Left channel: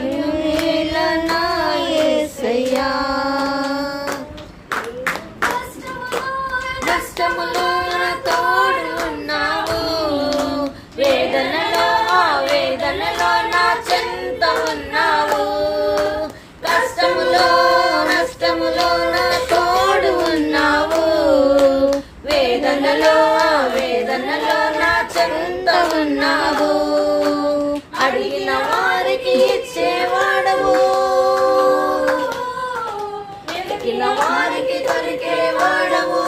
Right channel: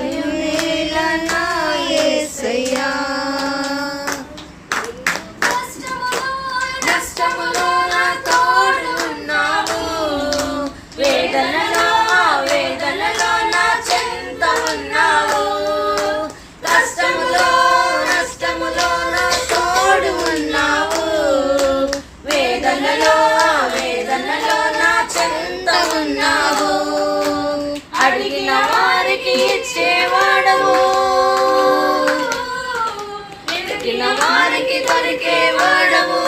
భయమేలనా యేసయ్యా. కష్టములో నా తోడు ఉన్నావు, వేదనలో నా చెంత ఉన్నావు. కష్టములో నష్టములో నా తోడు ఉన్నావు, వేదనలో నా చెంత ఉన్నావు. అడిగిన వారికి ఇచ్చేవాడవు, వెతికిన వారికి దొరికేవాడవు.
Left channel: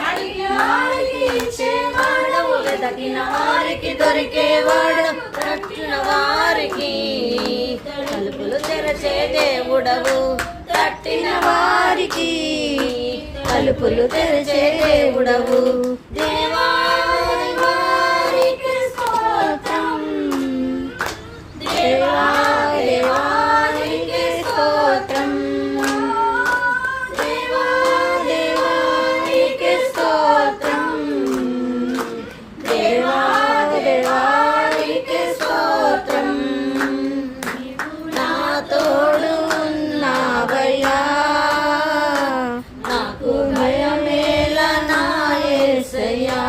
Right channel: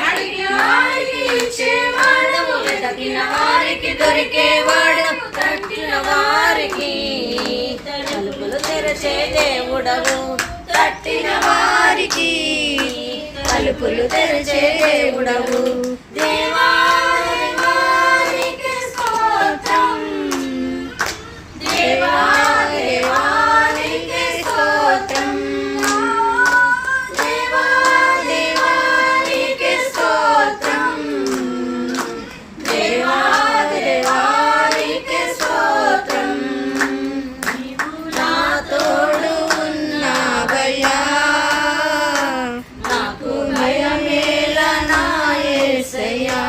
అడిగిన వారికి ఇచ్చేవాడవు, వెతికిన వారికి దొరికేవాడవు. తట్టిన వారికి తలుపులు తెరచే దేవుడవు, తట్టిన వారికి తలుపులు తెరచే దేవుడవు. దేవా దేవానికి స్తోత్రం, దేవా దేవానికి స్తోత్రం, దేవా దేవానికి స్తోత్రం, దేవా దేవానికి స్తోత్రం. నా తోడు ఉన్నావయ్యా, నాకు భయమేలనా యేసయ్యా.